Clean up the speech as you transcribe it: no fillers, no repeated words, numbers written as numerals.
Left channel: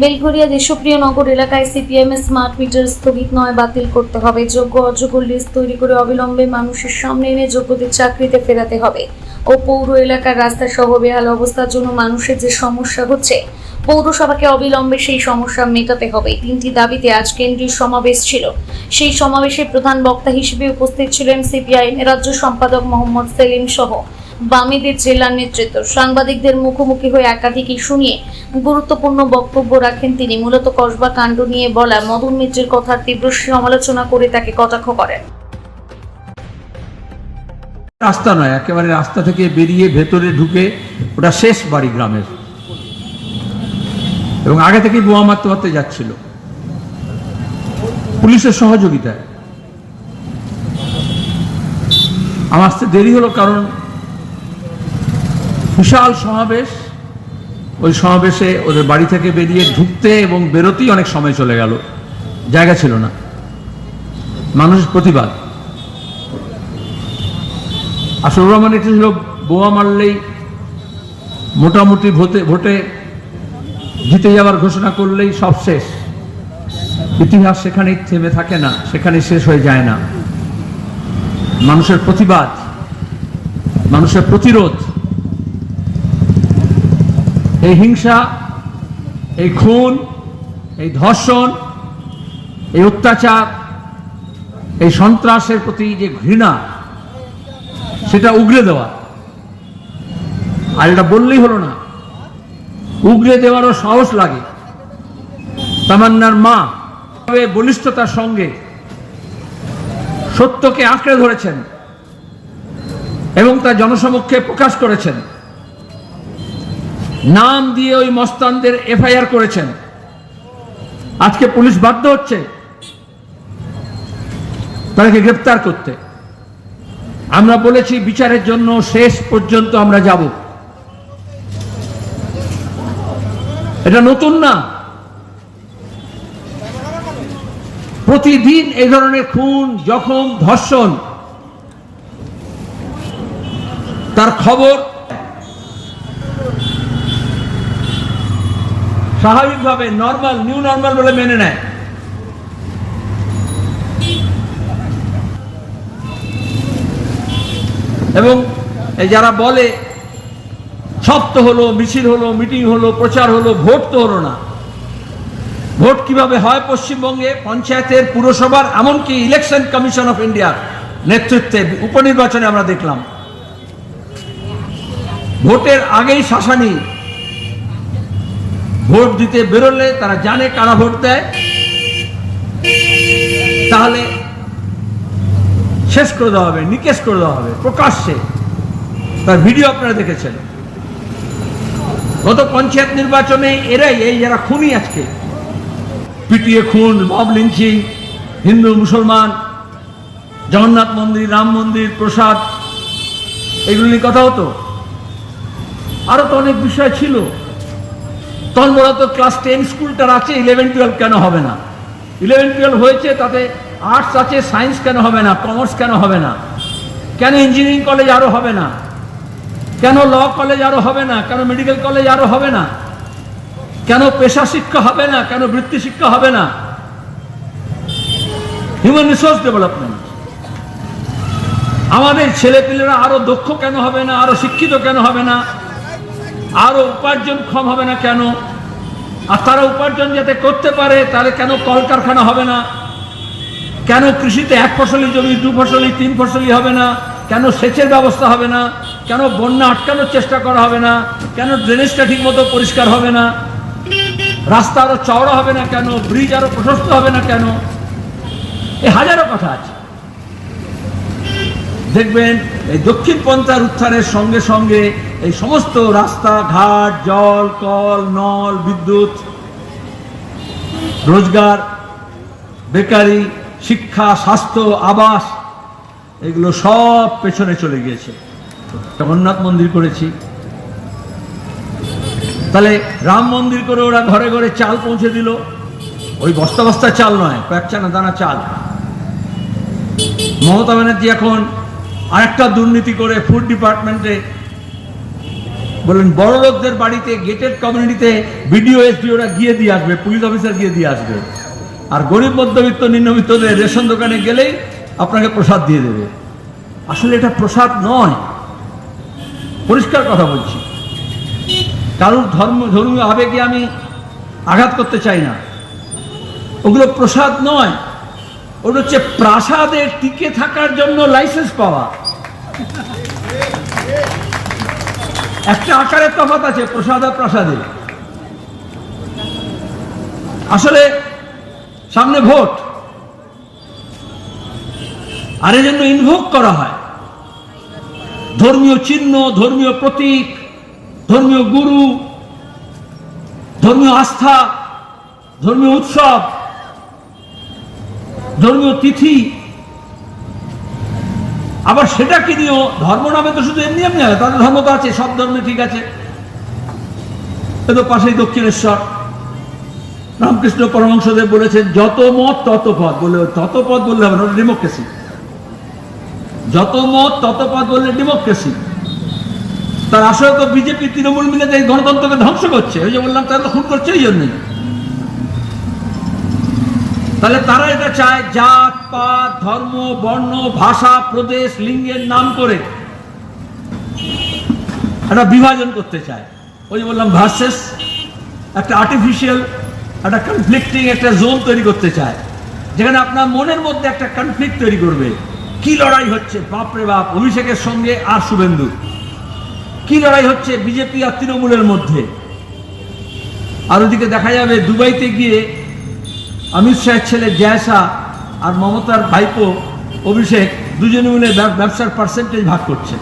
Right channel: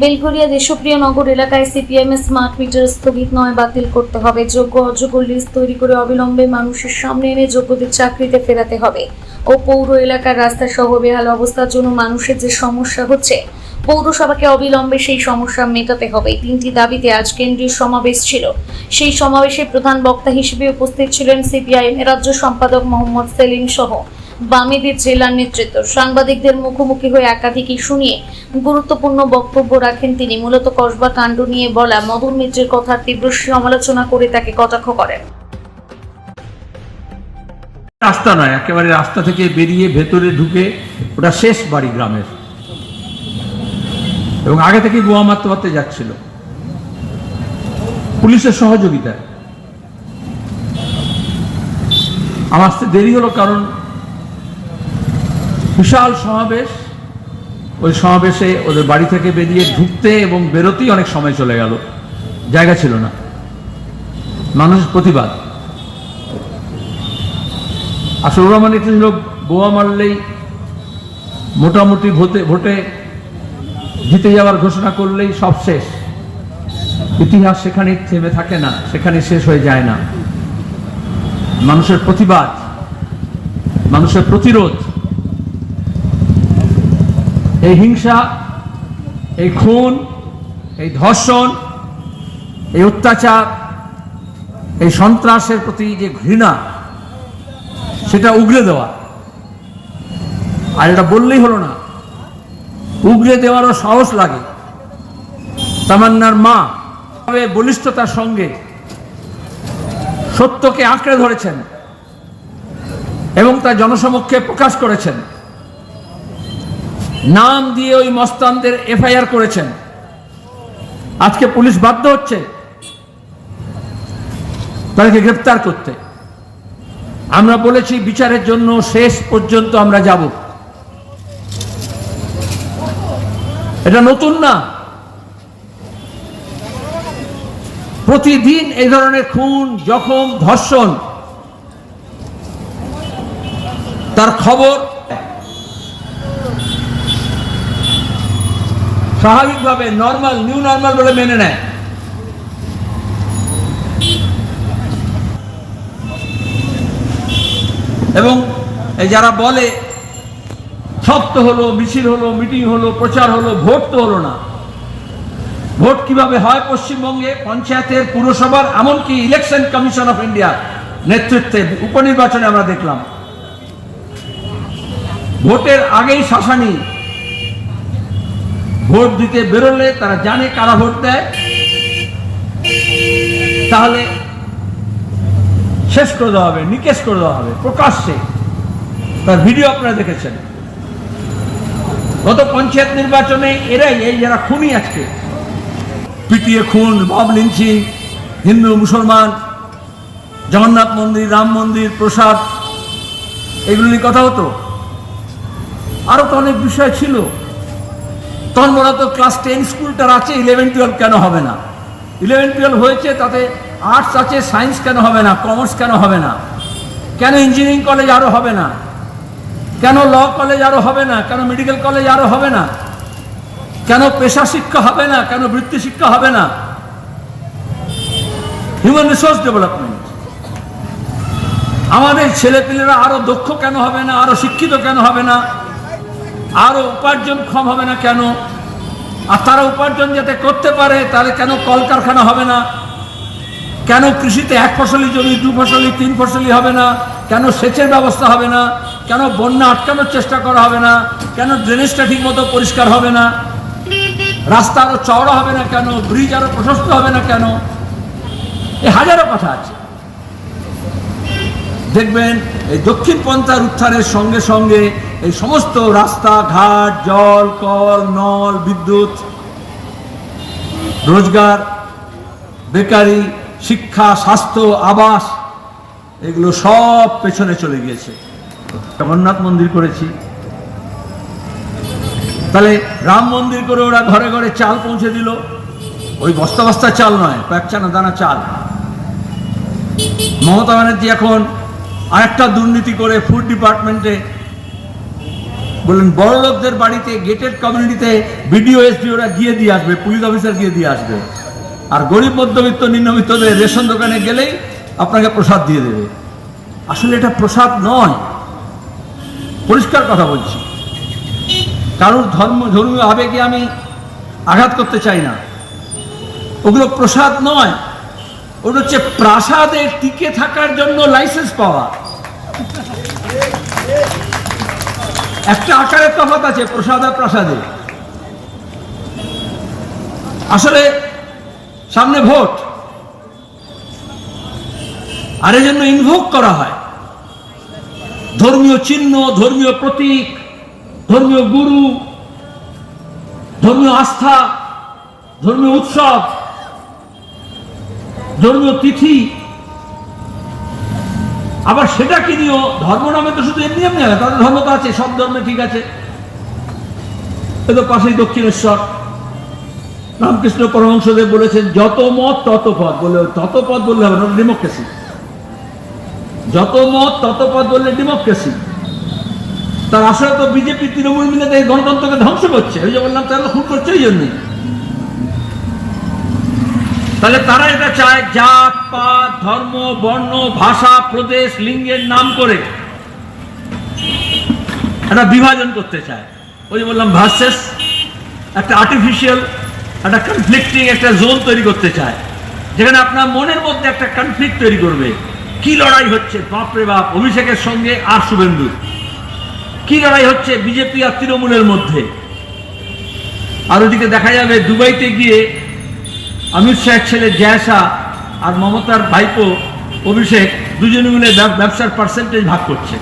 বেলঘরিয়া দেশপ্রিয় নগর এলাকায় সিপিএমের smart meter স্থগিত নয়, বাতিল করতে হবে। যোগ্য অযোগ্য লিস্ট তৈরি করে অবিলম্বে মানুষের সামনে এনে যোগ্যদের চাকরিতে ফেরাতে হবে ও পৌর এলাকার রাস্তা সহ বেহাল অবস্থার জন্য মানুষের যে সমস্যা হচ্ছে, পৌরসভাকে অবিলম্বে সেই সমস্যা মেটাতে হবে। তিনটি দাবিতে আজ কেন্দ্রীয় সমাবেশ ছিল। সেই সমাবেশে প্রধান বক্তা হিসেবে উপস্থিত ছিলেন সিপিআইএম রাজ্য সম্পাদক মোহাম্মদ সেলিম সহ বামেদের জেলা নেতৃত্ব। সাংবাদিকদের মুখোমুখি হয়ে একাধিক ইস্যু নিয়ে গুরুত্বপূর্ণ বক্তব্য রাখেন তিনি। মূলত কসবা কাণ্ড নিয়ে বলা মদন মিত্রের কথার তীব্র সমালোচনা করে তাকে কটাক্ষ করেন। রাস্তা নয়, একেবারে রাস্তা থেকে বেরিয়ে ভেতরে ঢুকে ওটা শেষ বাড়ি গ্রামের, এবং আগে থেকে বোমা মারতে মারতে যাচ্ছিল পুলিশের সহযোগিতায়। আমার আসতে দেরি হলো কারণ বিশাল সমাবেশ, ওই সমাবেশে ওদের বাড়ি থেকে বেরিয়ে ঢুকতে এবং বেরোতেই অনেক সময় চলে গেল, জায়গা ছিল না। মানুষের প্রতিবাদ আসলে রহমান এটা ছিল বোমা মারলেই মোটামুটি ভোটে জিতে যাওয়ার ঘোষণা করলেই সব শেষ। ইতিহাস সেখানেই থেমে থাকে না, সেখানে শেষ হয়ে যায় না। মানুষের প্রতিবাদ, মানুষের প্রতিরোধ, এই হিংসা, এই খুন, এই ধর্ষণ, এই অত্যাচার, এই সন্ত্রাসের প্রতি যে ঘৃণা, সেটা উগরে দেওয়া। আর এটা বললেই হলো না, উগরে দেওয়ারও সাহস লাগে। তামান্নার মা বলিষ্ঠতার সঙ্গে সত্যকে আঁকড়ে ধরেছেন এবং তা জনসমক্ষে প্রকাশ করেছেন। নাম দিয়ে ওই মস্তানদের এফআইআর করেছেন। আজকে পুলিশ বাধ্য হচ্ছে তাদেরকে গ্রেফতার করতে। আমরা বলেছি বিচারের জন্য শেষ পর্যন্ত আমরা যাব। এটা নতুন না, প্রতিদিন এই ধরনের খুন, জখম, ধর্ষণ তার খবর স্বাভাবিকভাবে নর্মাল, নিউ নর্মাল বলে মেনে নেয়। এবং এই যারা বলে সব তো হলো, মিছিল হলো, মিটিং হলো, প্রচার হলো, ভোট তো হলো না। ভোট কিভাবে হয় পশ্চিমবঙ্গে? পঞ্চায়েতের, পুরসভার, এমনকি ইলেকশন কমিশন অফ ইন্ডিয়া নেতৃত্বে উপনির্বাচনে আমরা দেখলাম ভোটের আগেই শাসানি। ভোট দিতে বেরোলে তারা জানে কারা ভোট দেয়, তাহলে শেষ করে দেওয়া হবে, নিকেশ করে দেওয়া হবে প্রকাশ্যে। তার ভিডিও আপনারা দেখেছেন। গত পঞ্চায়েত নির্বাচনে এরাই, এই যারা খুনি আজকে, পিটিয়ে খুন, মব লিঞ্চিং, হিন্দু মুসলমান, জগন্নাথ মন্দির, রাম মন্দির, প্রসাদ, এগুলো নিয়ে কথা হতো। আরো তো অনেক বিষয় ছিল। তখন বলা তো ক্লাস 10 স্কুলটার আছে, 11-12 কেন হবে না? 11-12 হয়েছে, তাতে আর্টস আছে, সায়েন্স কেন হবে না? কমার্স কেন হবে না? কেন ইঞ্জিনিয়ারিং কলেজ আরো হবে না? কেন ল কলেজ আরো হবে না? কেন মেডিকেল কলেজ আরো হবে না? কেন পেশা শিক্ষা হবে না? কেন বৃত্তি শিক্ষা হবে না? হিউম্যান রিসোর্স ডেভেলপমেন্ট, আমাদের ছেলেপেলেরা আরো দক্ষ কেন হবে না? আরো শিক্ষিত কেন হবে না? আরো উপার্জনক্ষম হবে না কেন? আর তারা উপার্জন যাতে করতে পারে, তাহলে কেন কলকারখানা হবে না? কেন কৃষিতে 1 ফসলি জমি 2 ফসলি 3 ফসলি হবে না? কেন সেচের ব্যবস্থা হবে না? কেন বন্যা আটকানোর চেষ্টা করা হবে না? কেন ড্রেনেজটা ঠিক মতো পরিষ্কার হবে না? রাস্তা আরো চওড়া হবে না কেন? ব্রিজ আরো প্রশস্ত হবে না কেন? এই হাজারো কথা আছে। দেখবেন এই দক্ষিণ পন্থার উত্থানের সঙ্গে সঙ্গে এই সমস্ত রাস্তা ঘাট, জল, কল, নল, বিদ্যুৎ, রোজগার, বেকারি, শিক্ষা, স্বাস্থ্য, আবাস, এগুলো সব পেছনে চলে গিয়েছে। জগন্নাথ মন্দির করেছি, তাহলে রাম মন্দির করে ওরা ঘরে ঘরে চাল পৌঁছে দিল। ওই বস্তা বস্তা চাল নয়, কয়েকখানা দানা চাল। মমতা ব্যানার্জি এখন আরেকটা দুর্নীতি করে ফুড ডিপার্টমেন্টে বললেন বড় লোকদের বাড়িতে গেটেড কমিউনিটিতে বিডিও এসডিওরা গিয়ে দিয়ে আসবে, পুলিশ অফিসার গিয়ে দিয়ে আসবে, আর গরিব মধ্যবিত্ত নিম্নবিত্তদের রেশন দোকানে গেলেই আপনাকে প্রসাদ দিয়ে দেবে। আসলে এটা প্রসাদ নয়, পরিষ্কার কথা বলছি। কারোর ধর্মীয় আবেগে আমি আঘাত করতে চাই না, ওগুলো প্রসাদ নয়, ওটা হচ্ছে প্রাসাদে টিকে থাকার জন্য লাইসেন্স পাওয়া। একটা আকারের তফাৎ আছে প্রসাদ আর প্রাসাদে। আসলে সামনে ভোট, আর এই জন্য ইনভোক করা হয় ধর্মীয় চিহ্ন, ধর্মীয় প্রতীক, ধর্মীয় গুরু, ধর্মীয় আস্থা, ধর্মীয় উৎসব, ধর্মীয় তিথি। আবার সেটা কি দিও ধর্ম নামে তো শুধু এমনি এমনি হয়, তাদের ধর্ম তো আছে, সব ধর্মে ঠিক আছে। তো পাশেই দক্ষিণেশ্বর রামকৃষ্ণ পরমহংসদেব বলেছেন যত মত তত পদ, বলে তত পদ বললে হবে না, ডেমোক্রেসি। যত মত তত পদ বললে ডেমোক্রেসি। তার আসলে তো বিজেপি তৃণমূল মিলে যে গণতন্ত্রকে ধ্বংস করছে, ওই যে বললাম তারা খুন করছে এই জন্যই। তাহলে তারা এটা চায় জাত পাত ধর্ম বর্ণ ভাষা প্রদেশ লিঙ্গের নাম করে একটা বিভাজন করতে চায়। ওই যে বললাম ভার্সেস একটা আর্টিফিশিয়াল একটা কনফ্লিক্টিং একটা জোন তৈরি করতে চায়, যেখানে আপনার মনের মধ্যে একটা কনফ্লিক্ট তৈরি করবে। কি লড়াই হচ্ছে বাপরে বাপ, অভিষেকের সঙ্গে আর শুভেন্দু, কি লড়াই হচ্ছে বিজেপি আর তৃণমূলের মধ্যে। আর ওদিকে দেখা যাবে দুবাইতে গিয়ে অমিত শাহের ছেলে জয়শা আর মমতার ভাইপো অভিষেক দুজনে মিলে ব্যবসার পার্সেন্টেজ ভাগ করছে।